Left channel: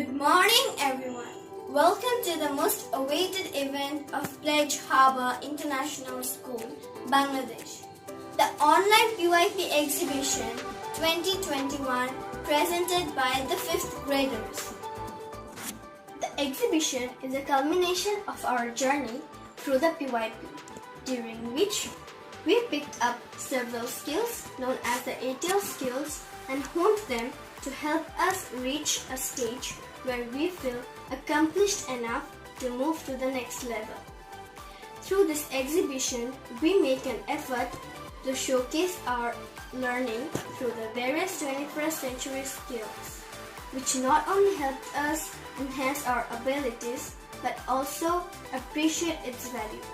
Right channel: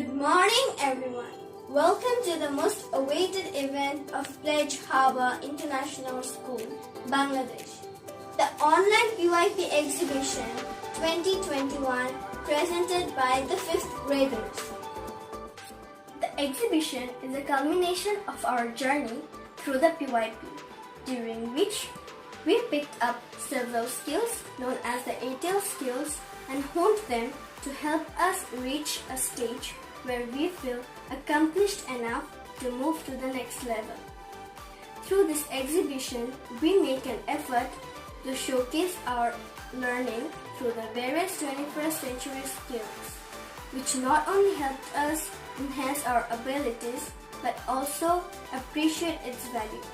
Good morning, everyone. Welcome to the most awaited event of Pledge Harbour International School, Bangladesh. The online Pypx exhibition 2021 presented by the 5th graders. The exhibition is a culmination of our journey through the Pypx, during which we picked up several skills known as the ATL skills and honed them to help us reach a stage where we feel accomplished enough to move to the next level. Through this exhibition, we make an effort to showcase our learning through the various 21st century skills, which not only helped us enhance our abilities but also appreciate its value.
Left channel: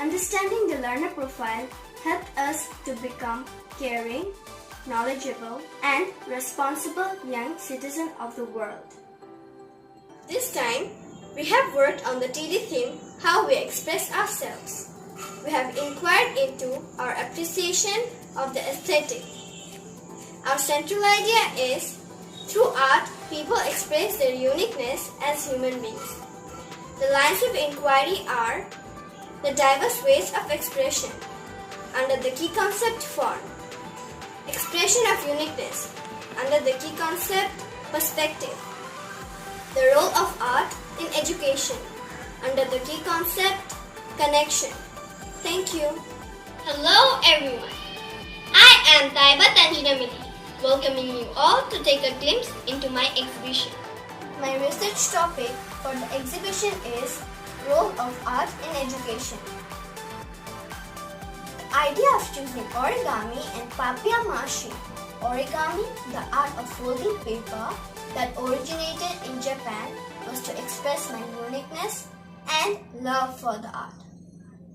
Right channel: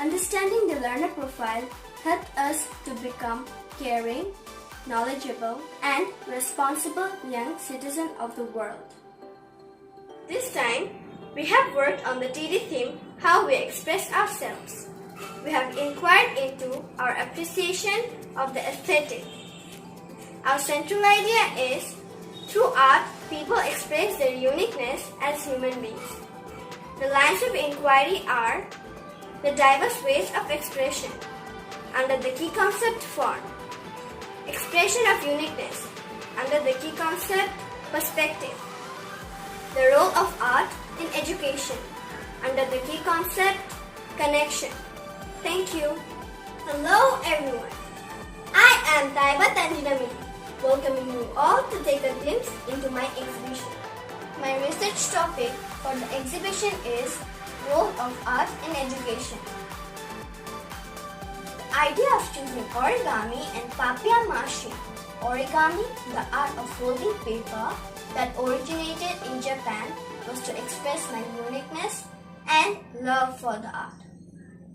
Understanding the learner profile helped us to become caring, knowledgeable, and responsible young citizen of the world. This time, we have worked on the TD theme, how we express ourselves. We have inquired into our appreciation of the aesthetic. Our central idea is, through art, people express their uniqueness as human beings. The lines of inquiry are the diverse ways of expression under the key concept form. Expression of uniqueness under the key concept perspective. The role of art in education under the key concept connection. Thank you. Hello everyone. I am Taiba Tanjinamini, welcoming you all to take a glimpse into my exhibition. My research topic for the exhibition is Role of Art in Education. The idea of choosing origami and papier-mâché. Origami, the art of folding paper that originated in Japan, was to express my uniqueness and love for the art.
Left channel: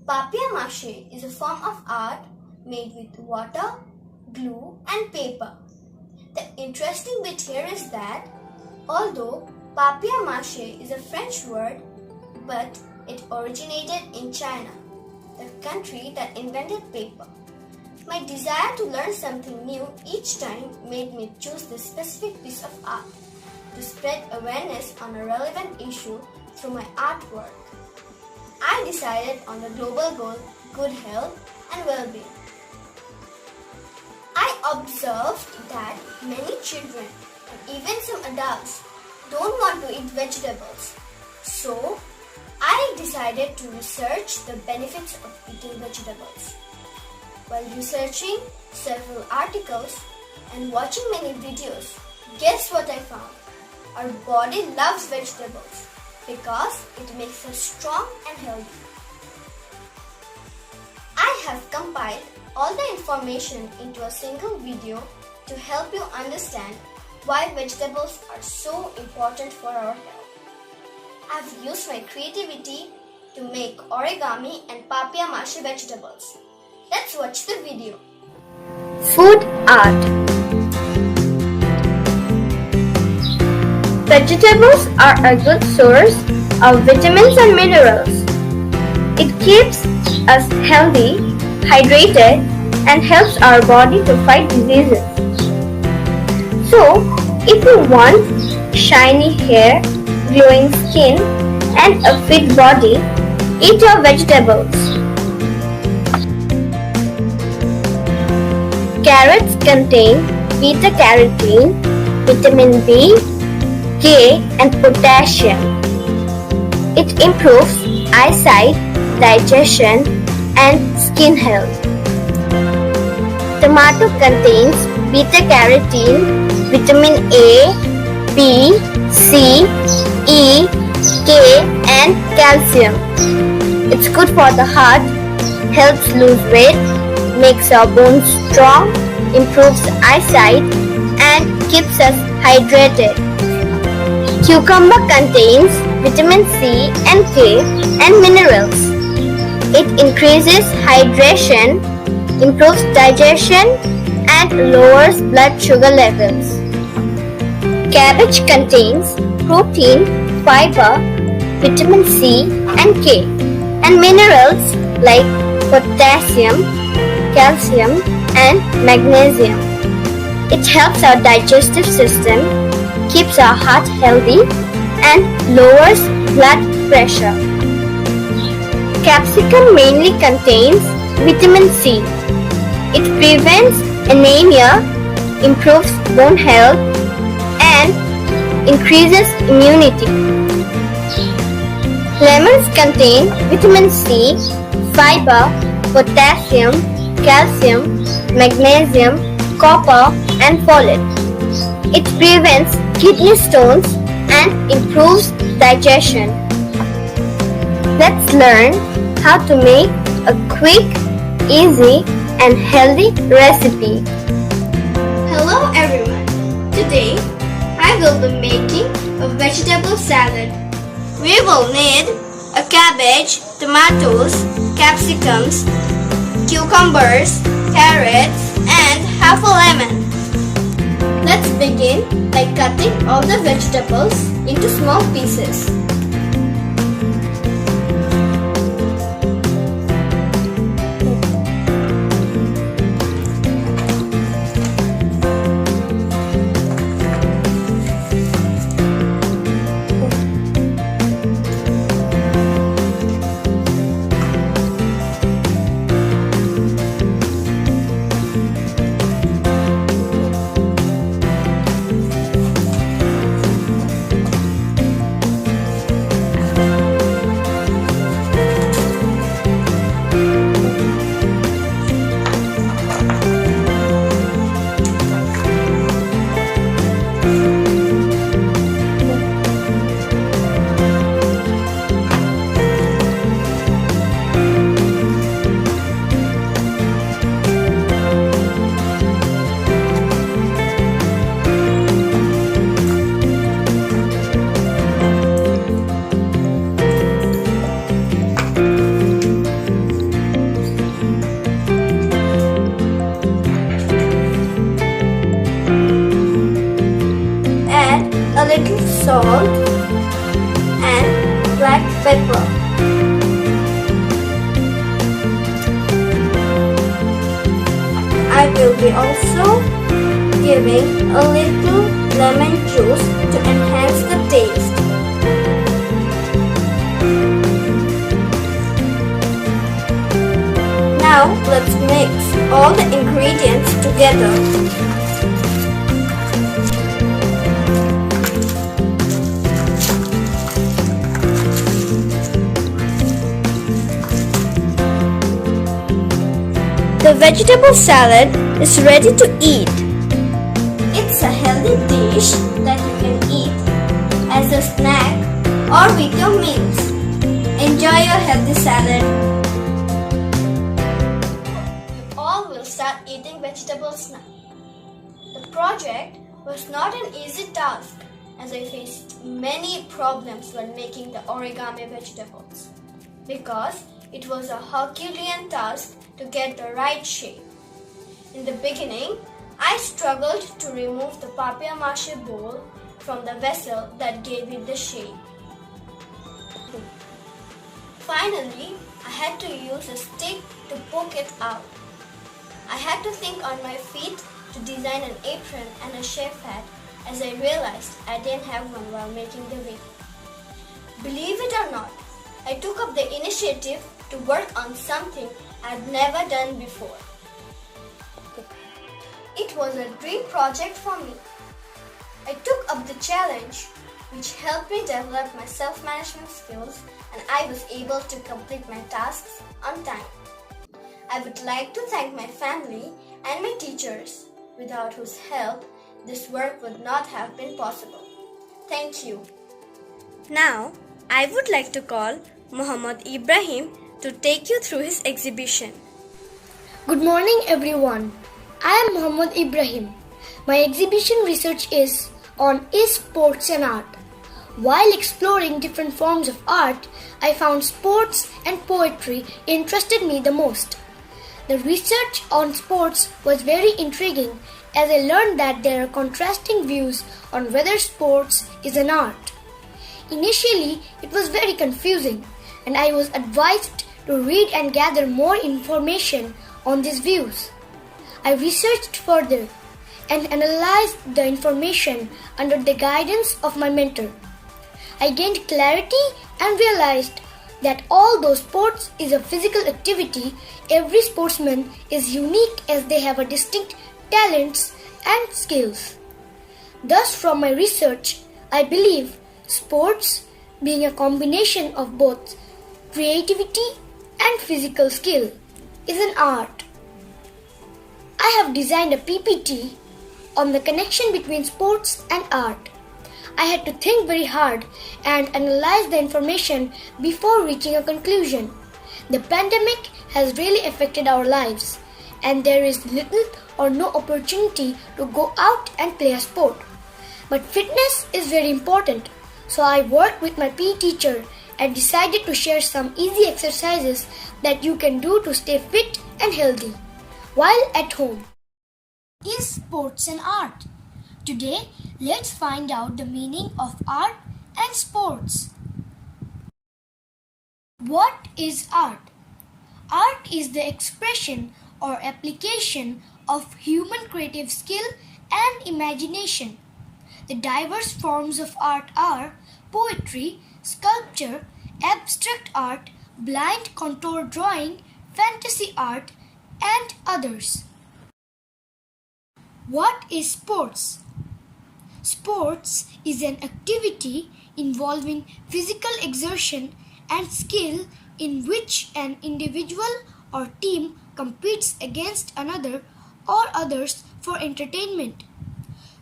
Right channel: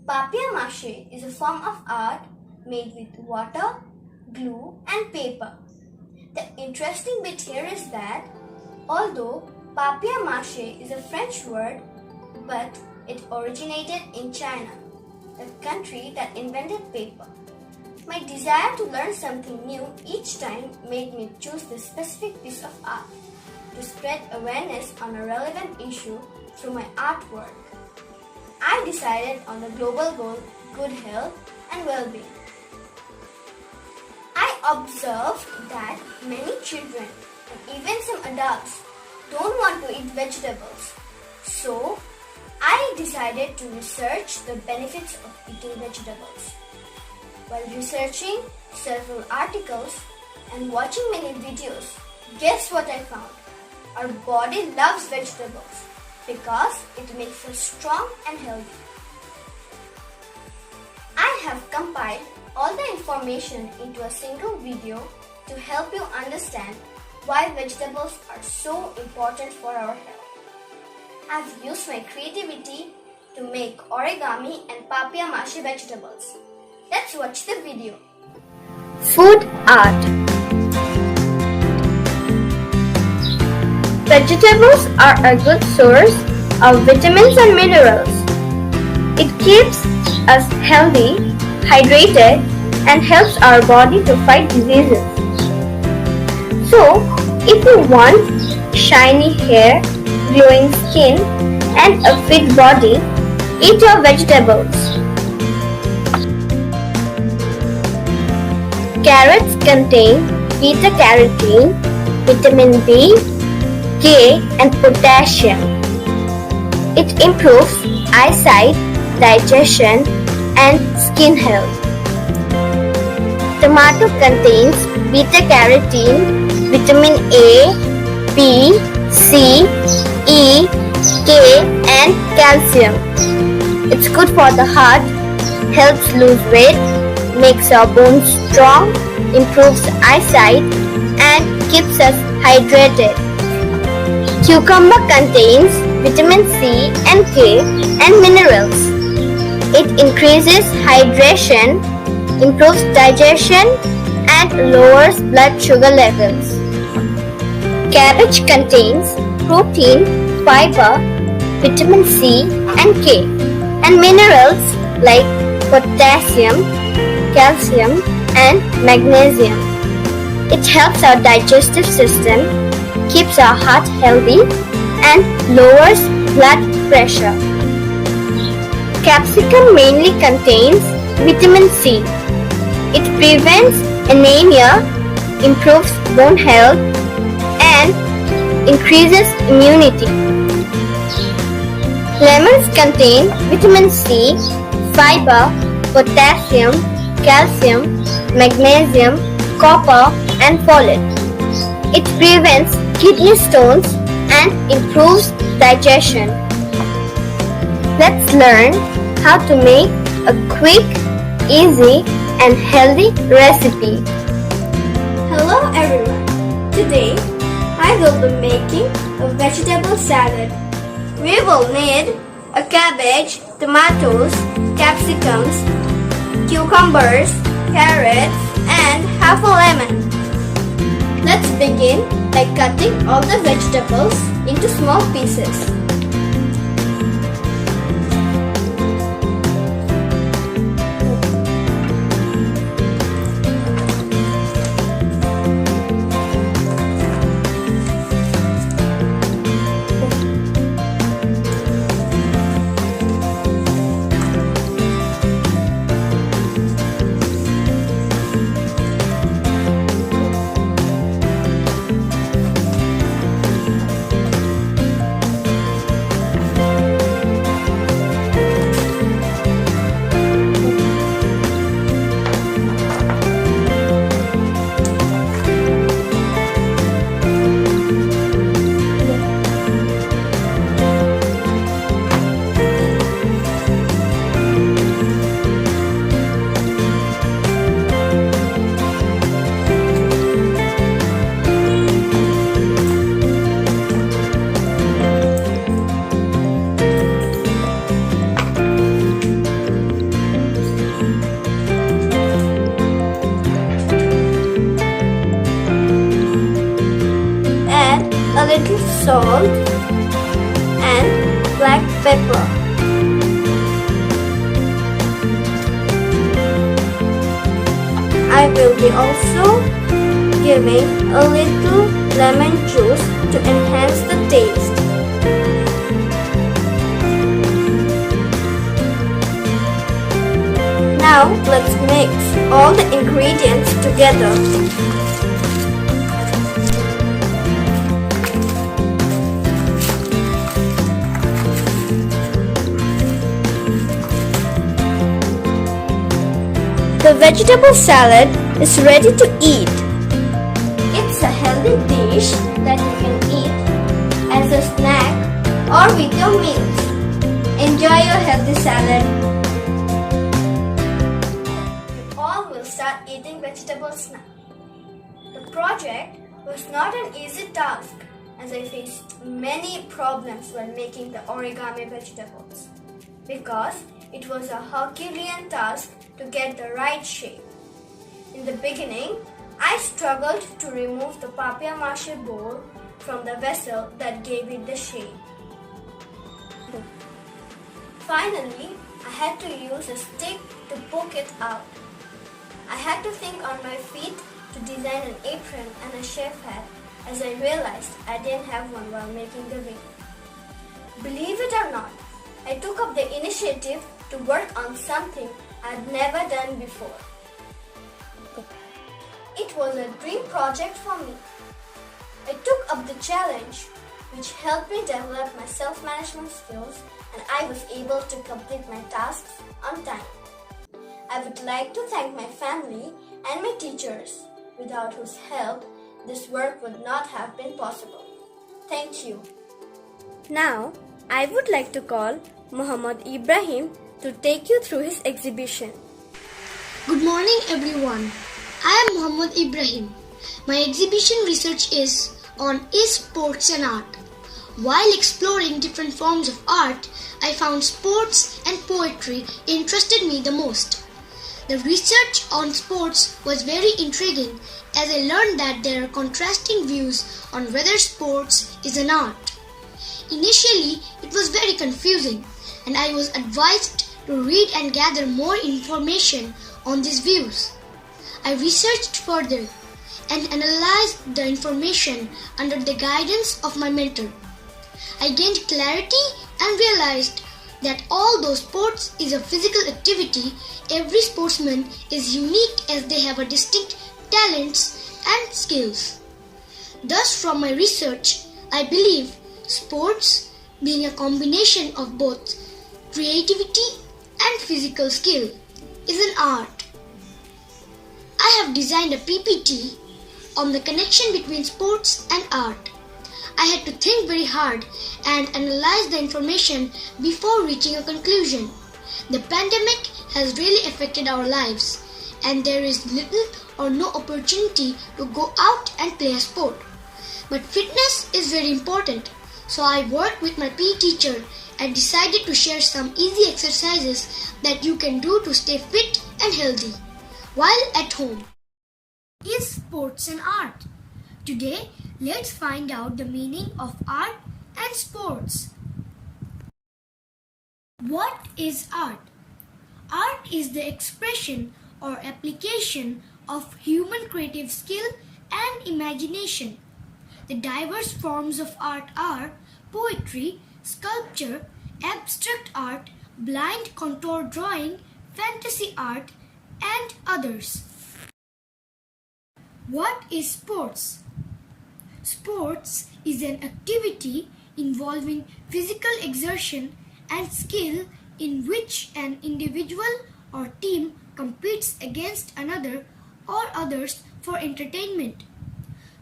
Papier-mâché is a form of art made with water, glue and paper. The interesting bit here is that although papier-mâché is a French word, but it originated in China, the country that invented paper. My desire to learn something new each time made me choose this specific piece of art to spread awareness on a relevant issue through my artwork. I decided on the global goal, good health and well-being. I observed that many children and even some adults don't want to eat vegetables. So, I decided to research the benefits of eating vegetables. While researching several articles and watching many videos, guess what I found? Our body loves vegetables because it makes us strong and healthy. I have compiled all the information into a single video to help you understand why vegetables are so important for our health. I've used my creativity to make origami and papier-mâché vegetables. Let's watch the video. Food art. Vegetables are a good source of vitamins and minerals. It keeps us healthy, hydrated, and helps our body to fight diseases. So, if you want shiny hair, glowing skin, and a fit body, eat your vegetables. Carrots contain beta-carotene, vitamin B, K, and potassium. It improves eyesight, digestion, and skin health. Tomato contains beta-carotene, vitamin A, B, C, E, K, and calcium. It's good for the heart, helps lose weight, makes our bones strong, improves eyesight, and keeps us hydrated. Cucumber contains vitamin C and K and minerals. It increases hydration, improves digestion, and lowers blood sugar levels. Cabbage contains protein, fiber, vitamin C and K, and minerals like potassium, calcium, and magnesium. It helps our digestive system, keeps our heart healthy and lowers blood pressure. Capsicum mainly contains vitamin C. It prevents anemia, improves bone health, and increases immunity. Lemons contain vitamin C, fiber, potassium, calcium, magnesium, copper, and folate. It prevents kidney stones and improves digestion. Let's learn how to make a quick, easy, and healthy recipe. Hello everyone. Today I will be making a vegetable salad. We will need a cabbage, tomatoes, capsicums, cucumbers, carrots, and half a lemon. Let's begin by cutting all the vegetables into small pieces. A little salt and black pepper. I will be also giving a little lemon juice to enhance the taste. Now let's mix all the ingredients together. The vegetable salad is ready to eat. It's a healthy dish that you can eat as a snack or with your meals. Enjoy your healthy salad. You all will start eating vegetables now. The project was not an easy task as I faced many problems while making the origami vegetables because it was a Herculean task to get the right shape. In the beginning, I struggled to remove the papier-mâché bowl from the vessel that gave it the shape. Finally, I had to use a stick to poke it out. I had to think on my feet to design an apron and a chef hat as I realized I didn't have one while making the video. Believe it or not, I took up the initiative to work on something I'd never done before. It was a dream project for me. I took up the challenge, which helped me develop my self-management skills, and I was able to complete my tasks on time. I would like to thank my family and my teachers, without whose help this work would not have been possible. Thank you. Now, I would like to call Muhammad Ibrahim to take you through his exhibition. Good morning everyone. I am Muhammad Ibrahim. My exhibition research is on sports and art. While exploring different forms of art, I found sports and poetry interested me the most. The research on sports was very intriguing as I learned that there are contrasting views on whether sports is an art. Initially, it was very confusing and I was advised to read and gather more information on these views. I researched further and analyzed the information under the guidance of my mentor. I gained clarity and realized that although sports is a physical activity, every sportsman is unique as they have a distinct talents and skills. Thus, from my research, I believe sports, being a combination of both creativity and physical skill, is an art. I have designed a PPT on the connection between sports and art. I had to think very hard and analyze the information before reaching a conclusion. The pandemic has really affected our lives, and there is little or no opportunity to go out and play a sport. But fitness is very important, so I worked with my PE teacher and decided to share some easy exercises that you can do to stay fit and healthy while at home. Is sports an art? Today, let's find out the meaning of art and sports. What is art? Art is the expression or application of human creative skill and imagination. The diverse forms of art are poetry, sculpture, abstract art, blind contour drawing, fantasy art, and others. What is sports? Sports is an activity involving physical exertion and skill in which an individual or team competes against another or others for entertainment.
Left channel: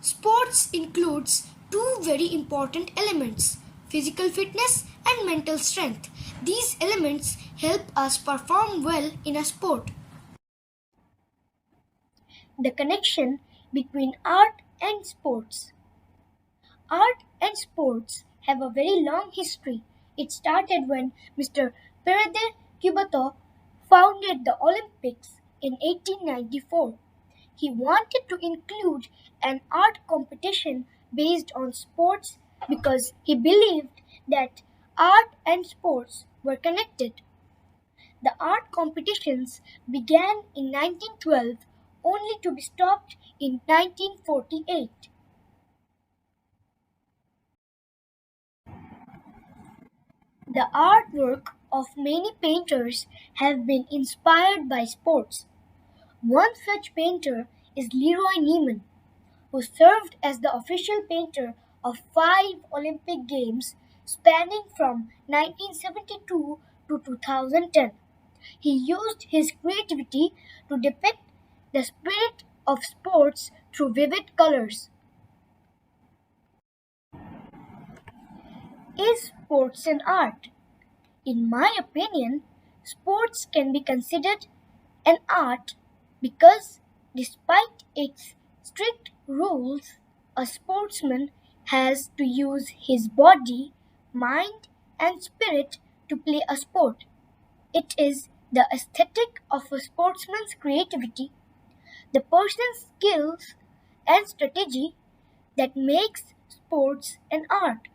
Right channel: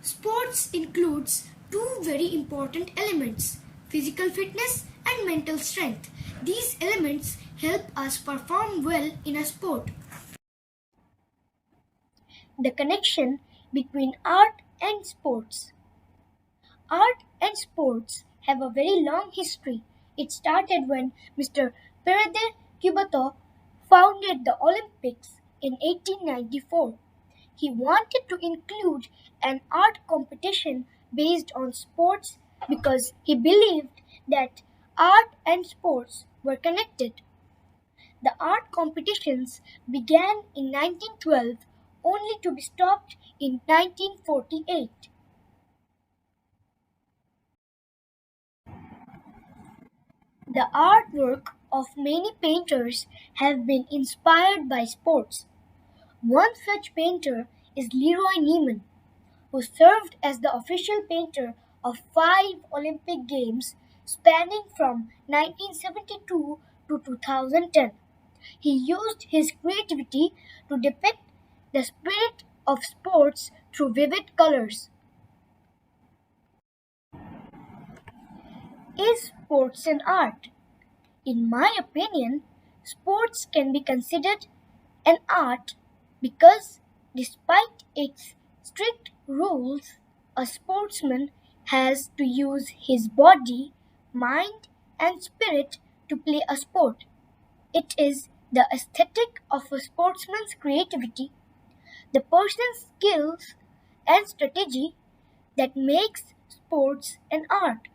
Sports includes two very important elements, physical fitness and mental strength. These elements help us perform well in a sport. The connection between art and sports. Art and sports have a very long history. It started when Mr. Pere de Coubertin founded the Olympics in 1894. He wanted to include an art competition based on sports because he believed that art and sports were connected. The art competitions began in 1912 only to be stopped in 1948. The artwork of many painters have been inspired by sports. One such painter is Leroy Neiman, who served as the official painter of 5 Olympic Games spanning from 1972 to 2010. He used his creativity to depict the spirit of sports through vivid colors. Is sports an art? In my opinion, sports can be considered an art because, despite its strict rules, a sportsman has to use his body, mind, and spirit to play a sport. It is the aesthetic of a sportsman's creativity, the person's skills, and strategy that makes sports an art.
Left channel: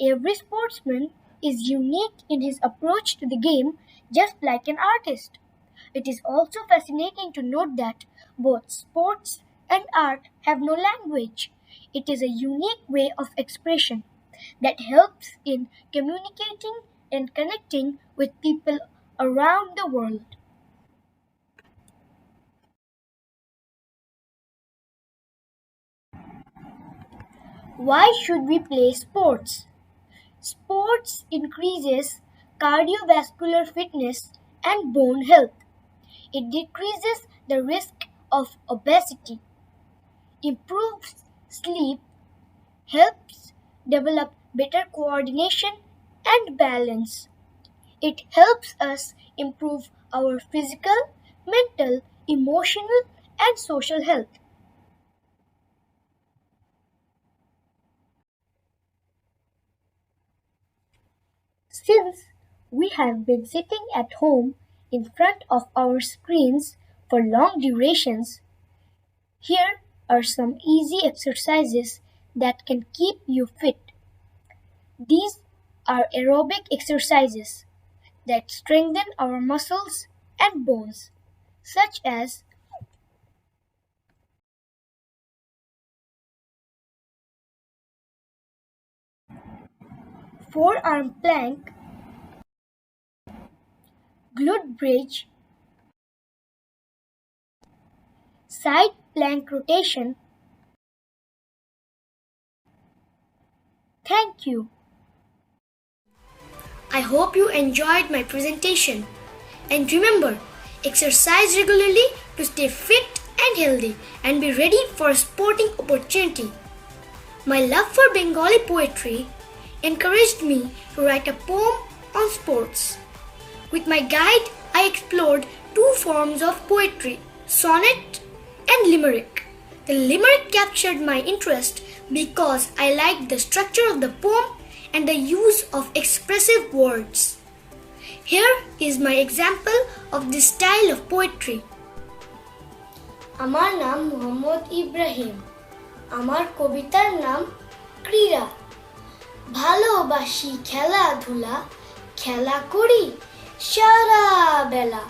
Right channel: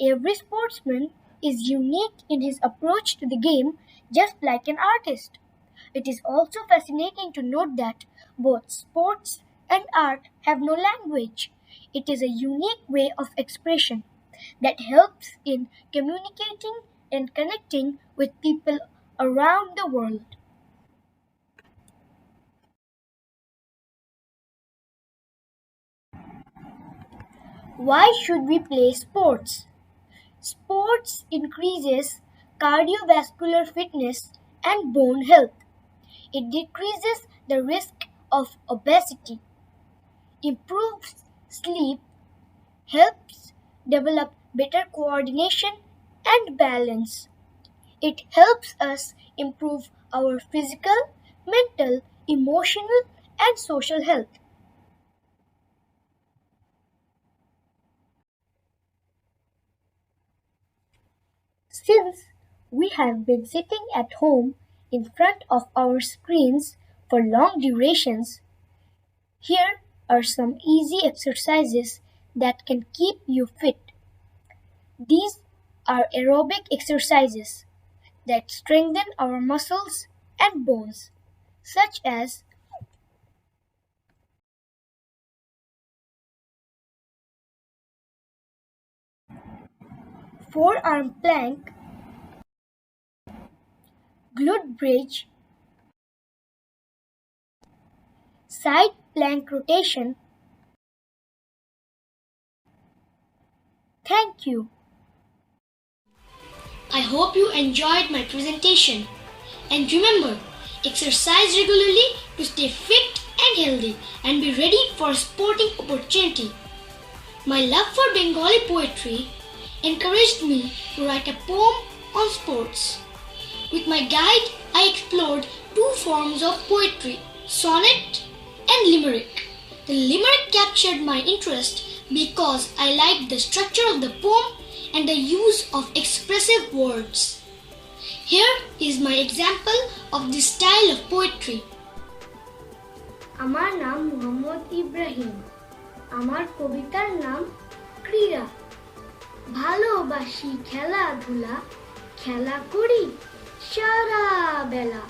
Every sportsman is unique in his approach to the game, just like an artist. It is also fascinating to note that both sports and art have no language. It is a unique way of expression that helps in communicating and connecting with people around the world. Why should we play sports? Sports increases cardiovascular fitness and bone health. It decreases the risk of obesity, improves sleep, helps develop better coordination and balance. It helps us improve our physical, mental, emotional, and social health. Since we have been sitting at home in front of our screens for long durations, here are some easy exercises that can keep you fit. These are aerobic exercises that strengthen our muscles and bones, such as forearm plank, glute bridge, side plank rotation. Thank you. I hope you enjoyed my presentation. And remember, exercise regularly to stay fit and healthy and be ready for a sporting opportunity. My love for Bengali poetry encouraged me to write a poem on sports. With my guide, I explored two forms of poetry, sonnet and limerick. The limerick captured my interest because I liked the structure of the poem and the use of expressive words. Here is my example of this style of poetry. আমার নাম মোহাম্মদ ইব্রাহিম, আমার কবিতার নাম ক্রীড়া। ভালোবাসি খেলাধুলা, খেলা করি সারা বেলা।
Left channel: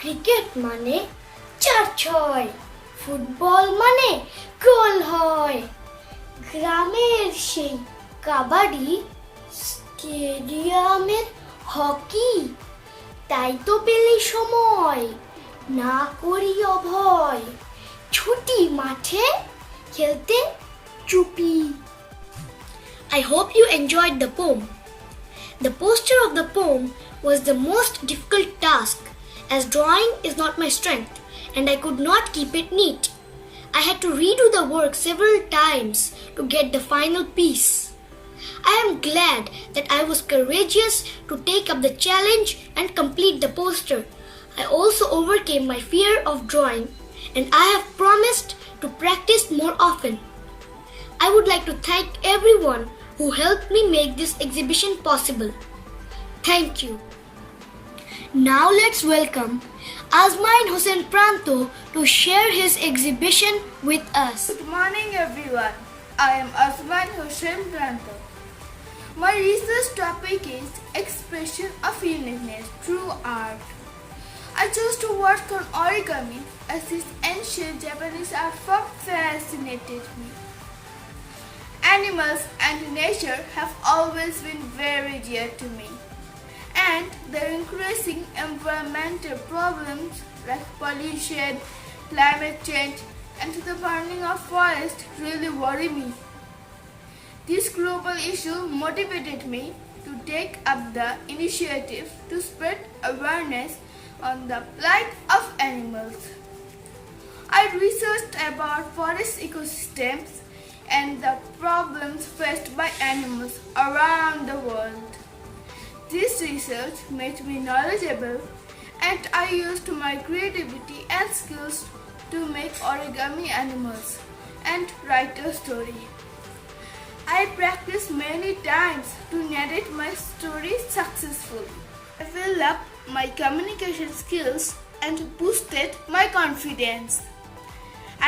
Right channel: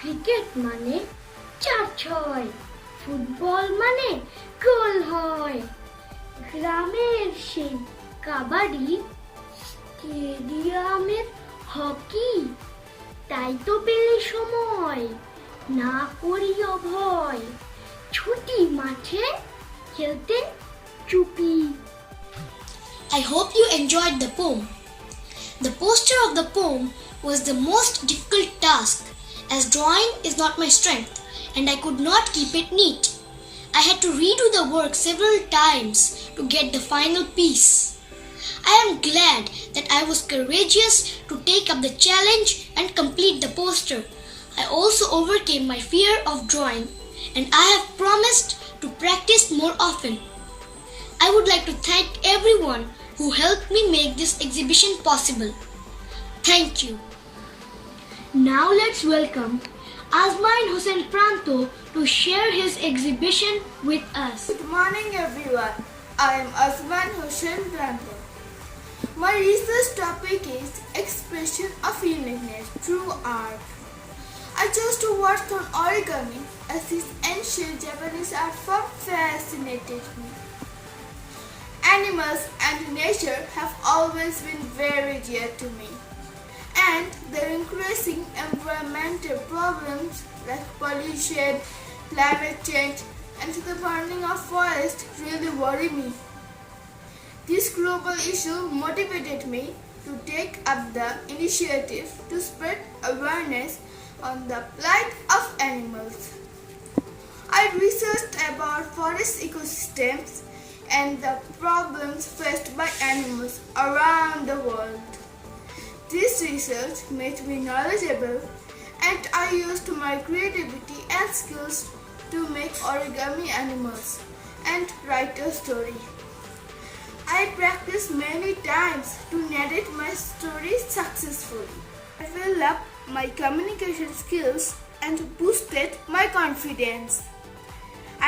ক্রিকেট মানে 4-6, ফুটবল মানে গোল হয়। গ্রামের সেই কাবাডি, স্টেডিয়ামের হকি। তাই তো পেলে সময়, না করি অভয়। ছুটি মাঠে খেলতে চুপি। I hope you enjoyed the poem. The poster of the poem was the most difficult task, as drawing is not my strength and I could not keep it neat. I had to redo the work several times to get the final piece. I am glad that I was courageous to take up the challenge and complete the poster. I also overcame my fear of drawing and I have promised to practice more often. I would like to thank everyone who helped me make this exhibition possible. Thank you. Now let's welcome Azmain Hussain Pranto to share his exhibition with us. Good morning everyone. I am Azmain Hussain Pranto. My research topic is expression of uniqueness through art. I chose to work on origami as this ancient Japanese art form fascinated me. Animals and nature have always been very dear to me, and their increasing environmental problems like pollution, climate change, and the burning of forests really worry me. This global issue motivated me to take up the initiative to spread awareness on the plight of animals. I researched about forest ecosystems and the problems faced by animals around the world. This research made me knowledgeable and I used my creativity and skills to make origami animals and write a story. I practiced many times to narrate my story successfully. I developed my communication skills and boosted my confidence.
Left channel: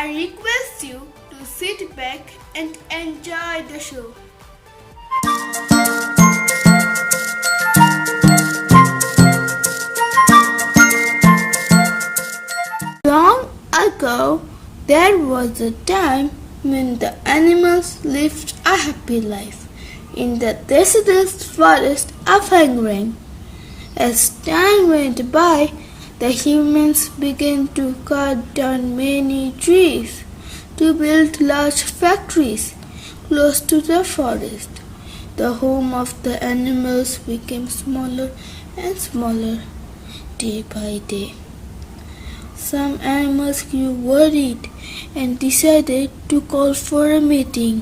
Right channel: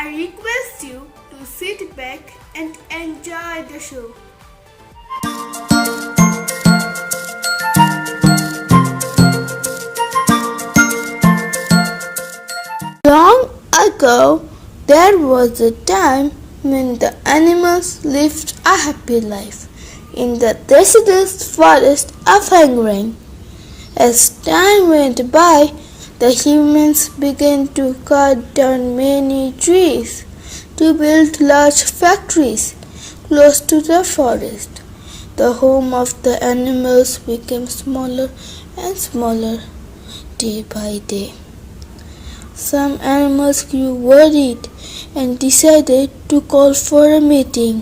I request you to sit back and enjoy the show. Long ago, there was a time when the animals lived a happy life in the deciduous forest of Hungary. As time went by, the humans began to cut down many trees to build large factories close to the forest. The home of the animals became smaller and smaller day by day. Some animals grew worried and decided to call for a meeting.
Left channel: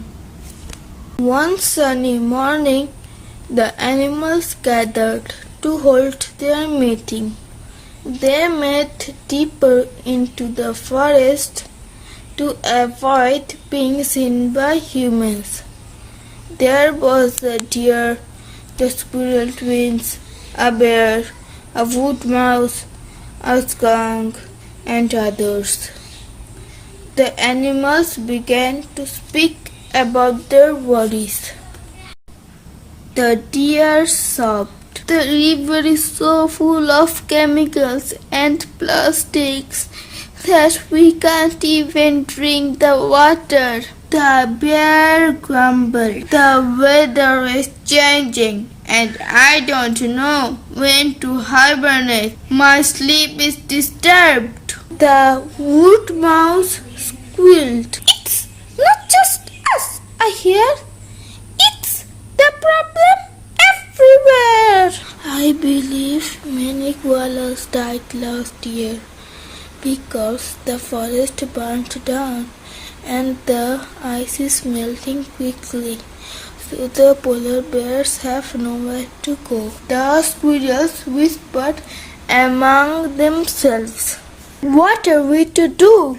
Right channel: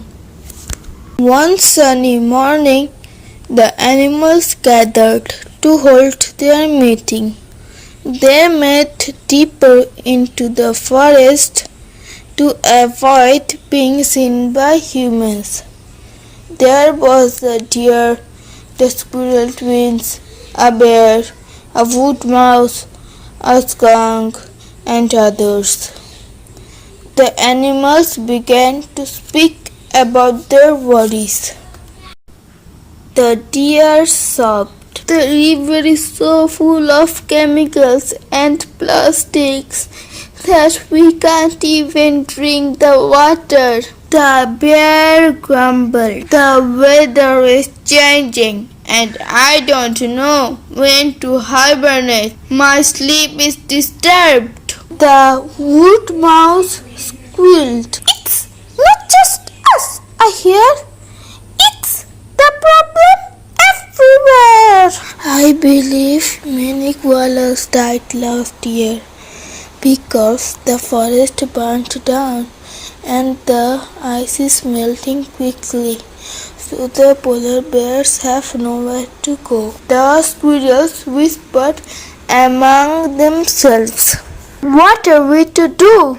One sunny morning, the animals gathered to hold their meeting. They met deeper into the forest to avoid being seen by humans. There was a deer, the squirrel twins, a bear, a wood mouse, a skunk, and others. The animals began to speak about their worries. The deer sobbed, "The river is so full of chemicals and plastics that we can't even drink the water." The bear grumbled, "The weather is changing and I don't know when to hibernate. My sleep is disturbed. The wood mouse squealed. It's not just us, I hear. It's the problem everywhere. I believe many koalas died last year because the forest burnt down and the ice is melting quickly. So the polar bears have nowhere to go. The squirrels whispered among themselves. What are we to do?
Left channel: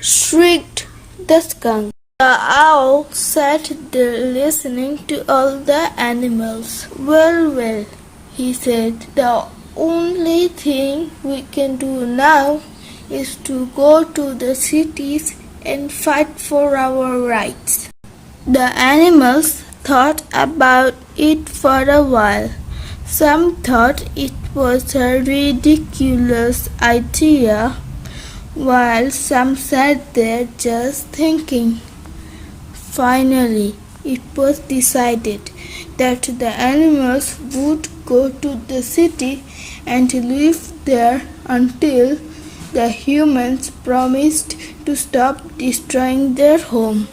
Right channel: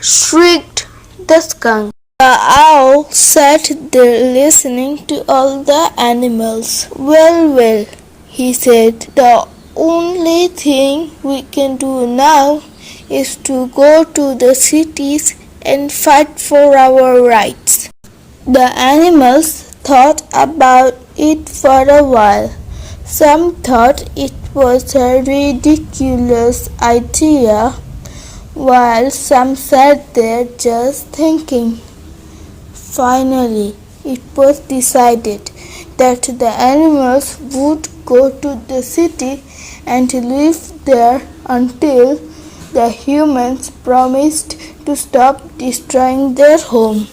Shrieked the skunk. The owl sat there listening to all the animals. Well, he said, the only thing we can do now is to go to the cities and fight for our rights. The animals thought about it for a while. Some thought it was a ridiculous idea, while some sat there just thinking. Finally, it was decided that the animals would go to the city and live there until the humans promised to stop destroying their home.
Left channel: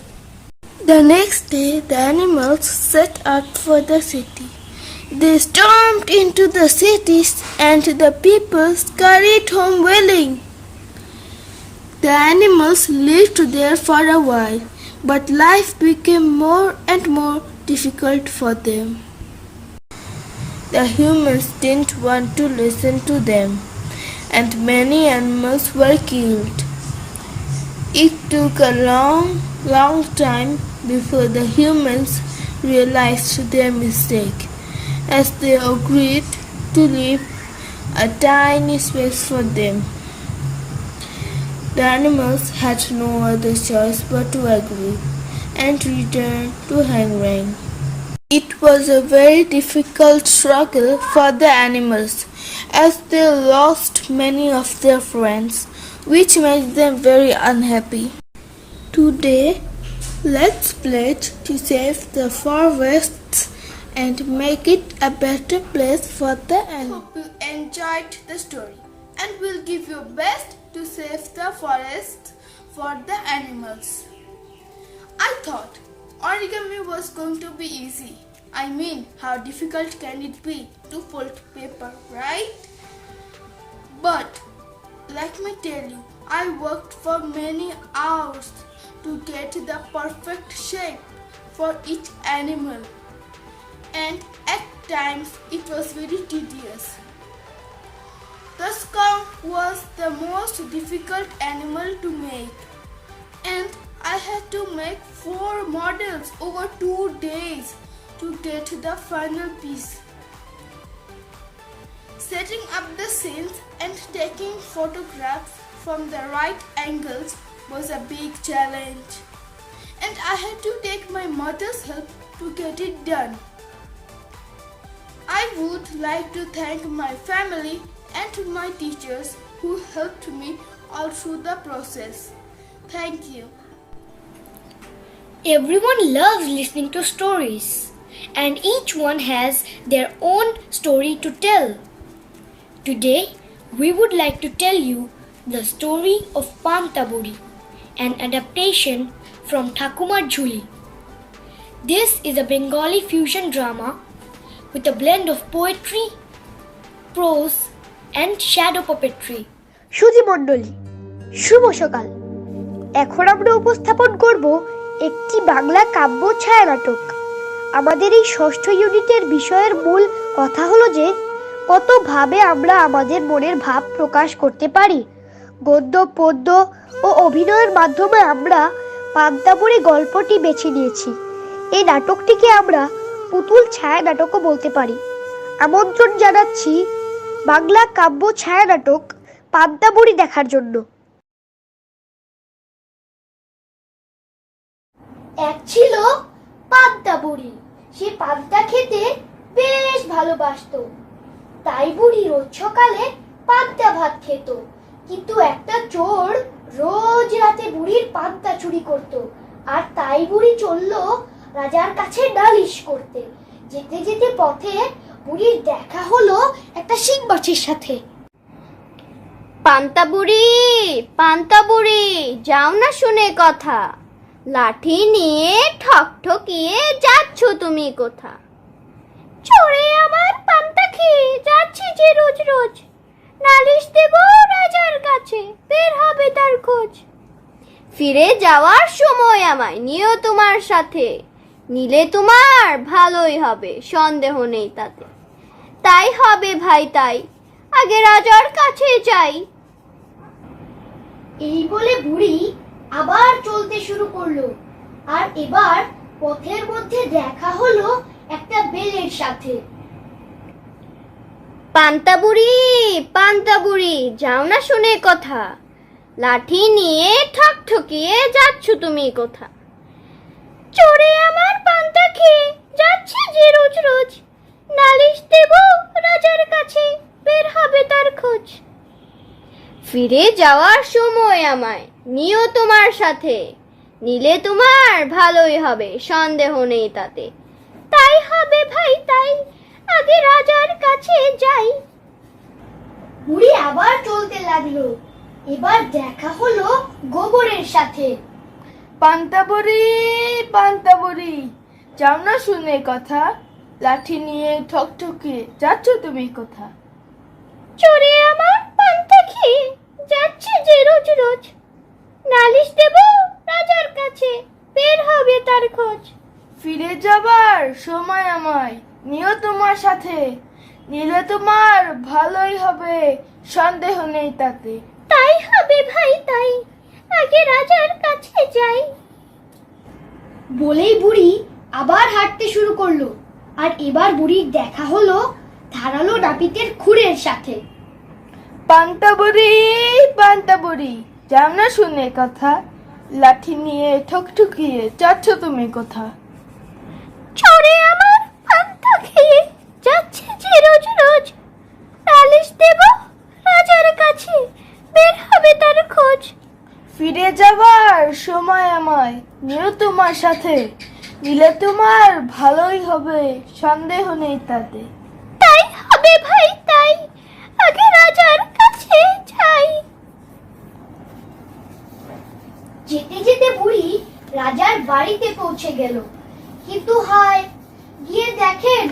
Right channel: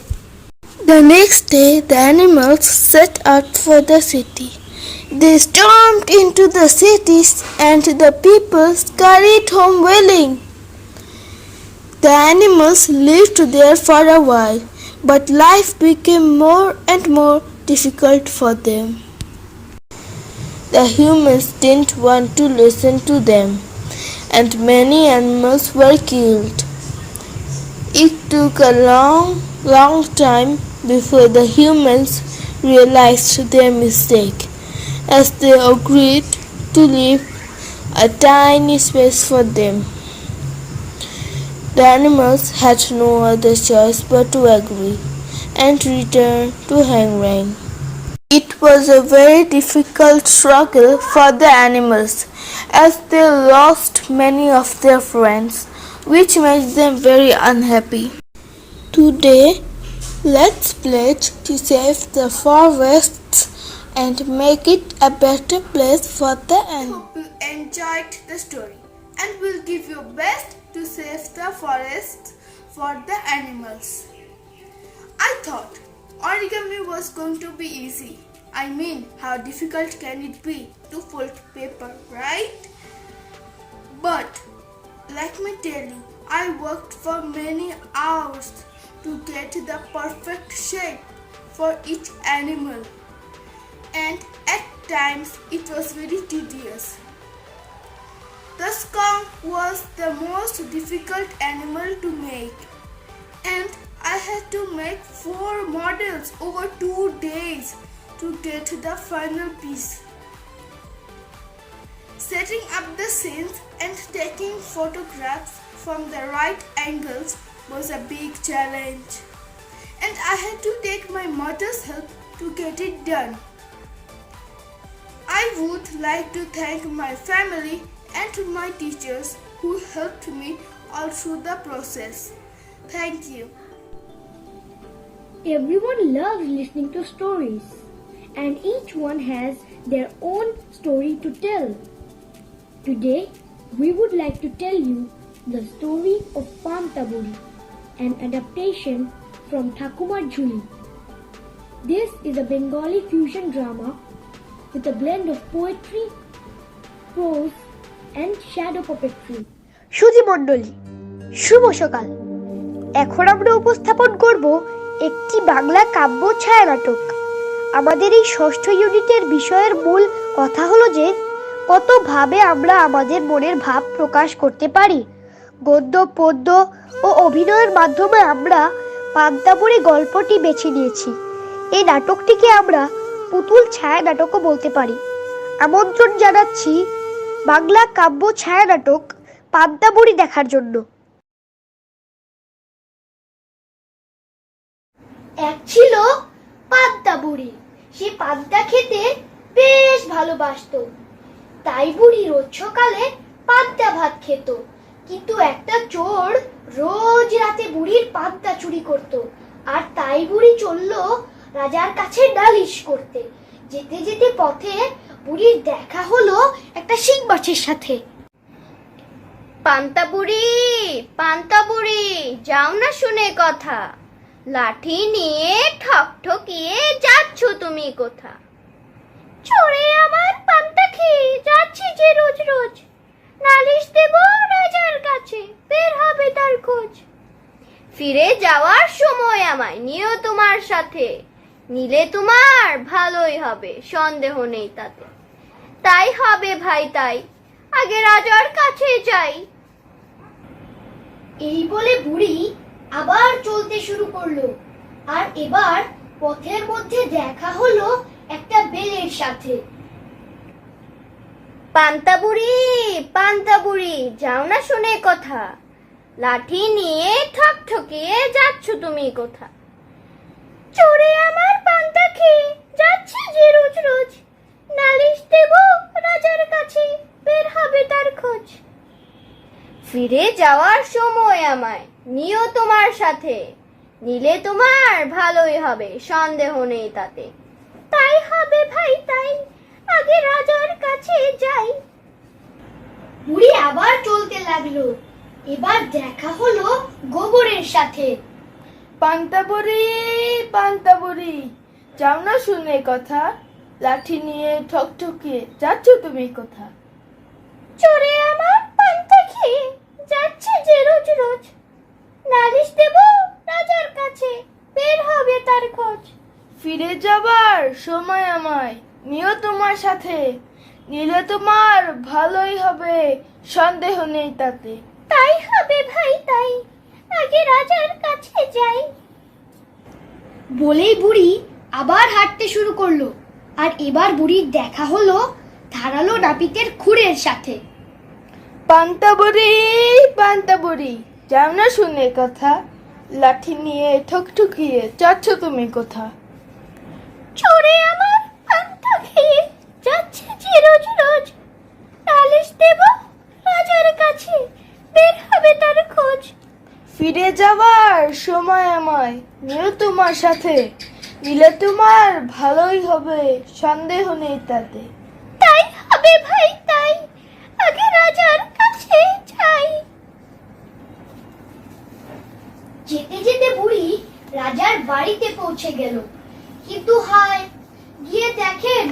The next day, the animals set out for the city. They stormed into the cities and the people scurried home wailing. The animals lived there for a while, but life became more and more difficult for them. The humans didn't want to listen to them, and many animals were killed. It took a long time before the humans realized their mistake, as they agreed to leave a tiny space for them. The animals had no other choice but to agree and return to Hangrang. It was a very difficult struggle for the animals, as they lost many of their friends, which made them very unhappy. Today, let's pledge to save the forests and make it a better place for the animals. Hope you enjoyed the story, and we'll give your best to save the forests for the animals. I thought origami was going to be easy. I mean, how difficult can it be to fold paper, right? But let me tell you, I worked for many hours to get the perfect shape for each animal, and at times it was very tedious. The skunk was the most difficult animal to make, and I had to make 4 models over 2 days to get the final piece. Setting up the scenes and taking photographs from the right angles was a big challenge, and I had to take my mother's help to get it done. I would like to thank my family and my teachers who helped me all through the process. Thank you. Everyone loves listening to stories, and each one has their own story to tell. Today, we would like to tell you the story of Pantaburi, an adaptation from Thakumar Jhuli. This is a Bengali fusion drama with a blend of poetry, prose, and shadow puppetry. সুধী মণ্ডলী, শুভ সকাল। এখন আমরা উপস্থাপন করব একটি বাংলা কাব্য ছায়া নাটক। আমাদের এই ষষ্ঠ ইউনিটের বিষয়ের মূল কথা হলো যে কতভাবে আমরা আমাদের মনের ভাব প্রকাশ করতে পারি। গদ্য, পদ্য ও অভিনয়ের মাধ্যমে আমরা পান্তাবুড়ি গল্পটি বেছে নিয়েছি। এই নাটকটিকে আমরা পুতুল ছায়া নাটকও বলতে পারি। আমন্ত্রণ জানাচ্ছি বাংলা কাব্য ছায়া নাটক পান্তাবুড়ি দেখার জন্য। এক ছিল পান্তা বুড়ি। সে পান্তা খেতে বেশ ভালোবাসতো, তাই বুড়ি রোজ সকালে পান্তা ভাত খেত। কিন্তু একটা চোর রোজ রাতে বুড়ির পান্তা চুরি করত, আর তাই বুড়ি চলল রাজার কাছে নালিশ করতে। যেতে যেতে পথে বুড়ির দেখা হলো একটা শিং মাছের সাথে। পান্তা বুড়ি, যাও না শুনে কথা, লাঠি নিয়ে ঠকঠকিয়ে যাচ্ছ তুমি কোথা? চোরে আমার পান্তা খেয়ে যাচ্ছি যে রোজ রোজ, নালিশ দেব রাজার কাছে, বের হবে তার খোঁজ। ফিরে যাওয়ার সময় আমায় নিও তোমার সাথে, নিলে তোমার ভালোই হবে, সন্দেহ নেই তাতে। তাই হবে ভাই তাই, আগে রাজার কাছে যাই। এই বলে বুড়ি আবার চলতে শুরু করলো। আর এবার পথের মধ্যে দেখা হলো একটা বেলের সাথে। পান্তা বুড়ি, যাও না শুনে কথা, লাঠি নিয়ে ঠকঠকিয়ে যাচ্ছ তুমি কোথা? চোরে আমার পান্তা খেয়ে যাচ্ছে যে রোজ রোজ, নালিশ দেব রাজার কাছে, বের হবে তার খোঁজ। ফিরে যাওয়ার সময় আমায় নিও তোমার সাথে, নিলে তোমার ভালোই হবে, সন্দেহ নেই তাতে। তাই হবে ভাই তাই, আগে রাজার কাছে যাই। বুড়ি আবার চলতে লাগলো। এবার দেখা হলো গোবরের সাথে। পান্তা বুড়ি, যাও না শুনে কথা, লাঠি নিয়ে ঠকঠকিয়ে যাচ্ছ তুমি কোথা? চোরে আমার পান্তা খেয়ে যাচ্ছে যে রোজ রোজ, নালিশ দেব রাজার কাছে, বের হবে তার খোঁজ। ফিরে যাবার সময় আমায় নিও তোমার সাথে, নিলে তোমার ভালোই হবে, সন্দেহ নেই তাতে। তাই হবে ভাই তাই, আগে রাজার কাছে যাই। বলেই বুড়ি আবার হাঁটতে শুরু করলো। আর এবার বুড়ির দেখা হলো ধারালো নাপিতের খুরের সাথে। পান্তা বুড়ি, যাও না শুনে কথা, লাঠি নিয়ে ঠকঠকিয়ে যাচ্ছ তুমি কোথা? চোরে আমার পান্তা খেয়ে যাচ্ছে যে রোজ রোজ, নালিশ দেব রাজার কাছে, বের হবে তার খোঁজ। ফিরে যাবার সময় আমায় নিও তোমার সাথে, নিলে তোমার ভালোই হবে, সন্দেহ নেই তাতে। তাই হবে ভাই তাই, আগে রাজার কাছে যাই। যেতে যেতে বুড়ি রাজার বাড়িতে পৌঁছে গেল। কিন্তু হায়, গিয়ে দেখেন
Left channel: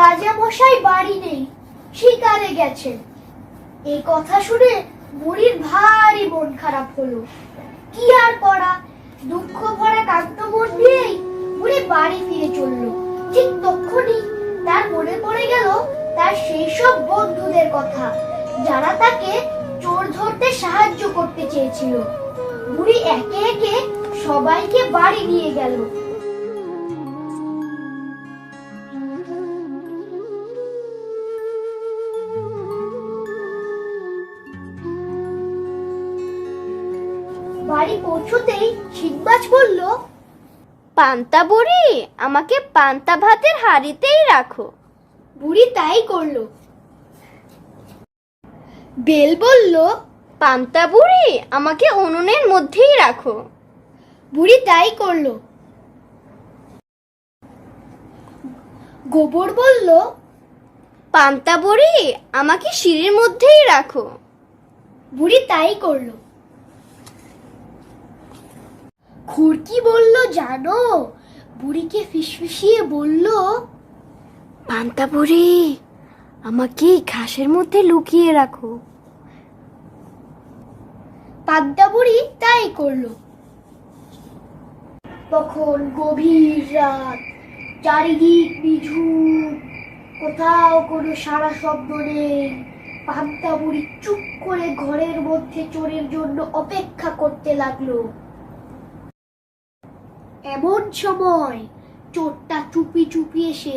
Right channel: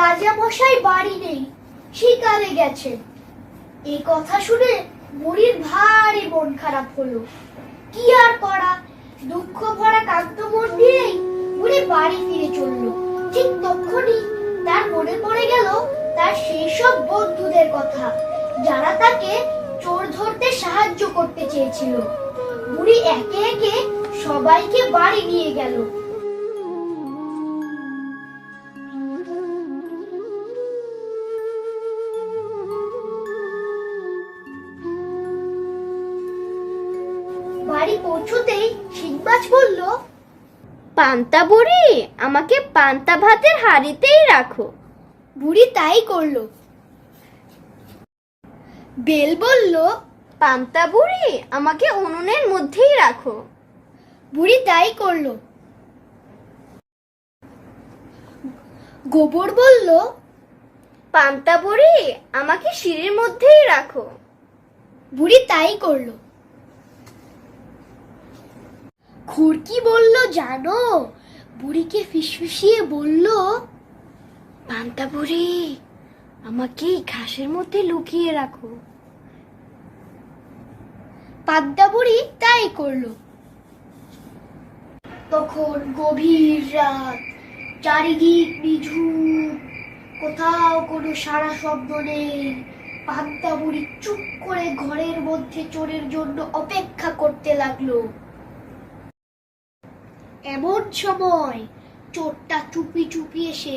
রাজা মশাই বাড়ি নেই, শিকারে গেছেন। এই কথা শুনে বুড়ির ভারী মন খারাপ হলো। কি আর করা, দুঃখ ভরা কান্ত মন নিয়েই বুড়ি বাড়ি ফিরে চলল। ঠিক তখনই তার মনে পড়ে গেল তার সেই সব বন্ধুদের কথা, যারা তাকে চোর ধরতে সাহায্য করতে চেয়েছিল। বুড়ি একে একে সবাইকে বাড়ি নিয়ে গেল। বাড়ি পৌঁছতেই শিংমাছ বলল, পান্তা বুড়ি, আমাকে পান্তা ভাতের হাঁড়িতেই রাখো। বুড়ি তাই করলো। বেল বলল, পান্তা বুড়ি, আমাকে উনুনের মধ্যেই রাখো। বুড়ি তাই করলো। গোবর বলল, পান্তা বুড়ি, আমাকে সিঁড়ির মধ্যেই রাখো। বুড়ি তাই করলো। খুরকি বলল, জানো, বুড়িকে ফিসফিসিয়ে বলল, পান্তা বুড়ি, আমাকে ঘাসের মধ্যে লুকিয়ে রাখো। পান্তা বুড়ি তাই করলো। তখন গভীর রাত, চারিদিক নিঝুম, কোথাও কোনো সারা শব্দ নেই। পান্তা বুড়ি চুপ করে ঘরের মধ্যে চোরের জন্য অপেক্ষা করতে লাগলো। এমন সময় চোরটা চুপি চুপি এসে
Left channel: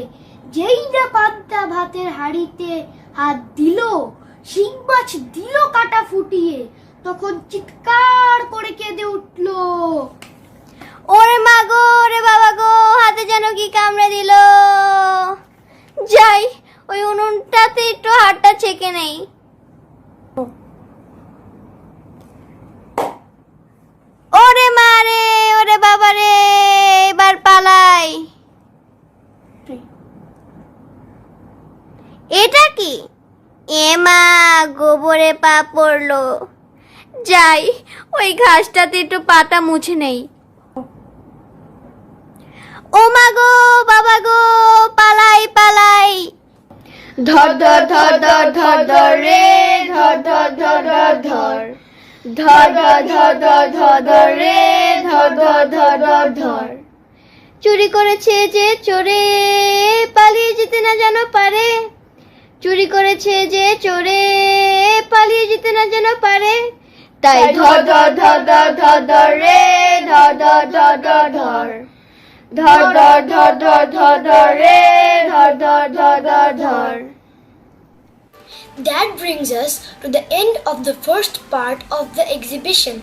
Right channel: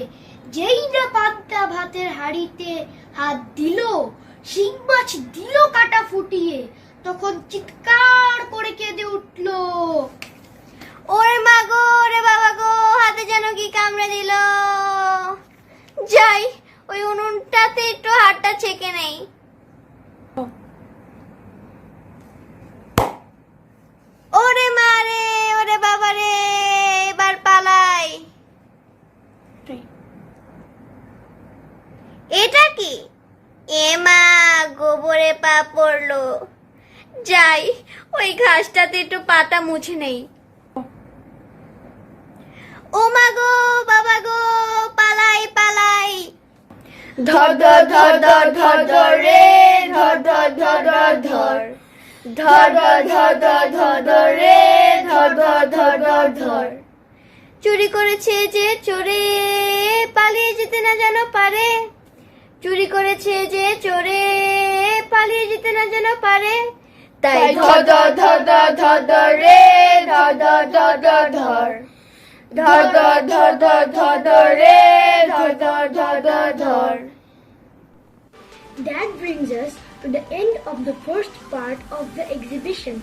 যেই না পান্তা ভাতের হাঁড়িতে হাত দিল, শিং মাছ দিল কাটা ফুটিয়ে, তখন চিৎকার করে কেঁদে উঠল, ওরে মা গো, ওরে বাবা গো, হাতে যেন কি কামড়ে দিল। যাই, ওই উনুনটাতে একটু হাতটা ছেঁকে নেই। ওরে মা রে, ওরে বাবা রে, এবার পালাই। করে পা পড়লো। যাই, ওই ঘাসটাতে একটু পাতা মুছে নেই। ও মা গো, বাবা গো, পালাই পালাই। ধর ধর ধর ধর ধর ধর রে, ধর ধর ধর ধর ধর, ধর ধর ধর ধর ধর ধর রে, ধর ধর ধর ধর ধর। চুরি করেছে যে চোরে, পালিয়ে যেতে না যেন পারে। চুরি করেছে যে চোরে, পালিয়ে যেতে না যেন পারে। তাই ধর ধর ধর ধর ধর ধর রে, ধর ধর ধর ধর ধর, ধর ধর ধর ধর ধর ধর রে, ধর ধর ধর ধর ধর। That brings us to the end of the first part of the exhibition.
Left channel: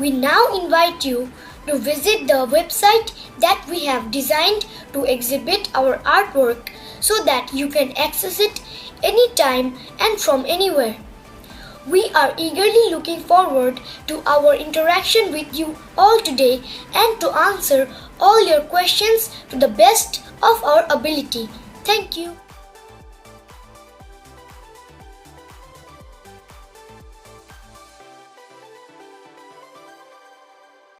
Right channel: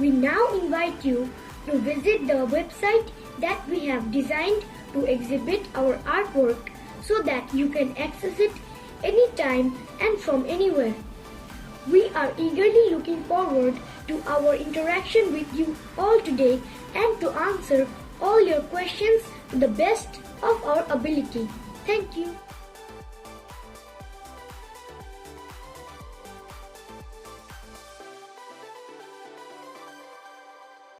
We now invite you to visit the website that we have designed to exhibit our artwork so that you can access it anytime and from anywhere. We are eagerly looking forward to our interaction with you all today and to answer all your questions to the best of our ability. Thank you.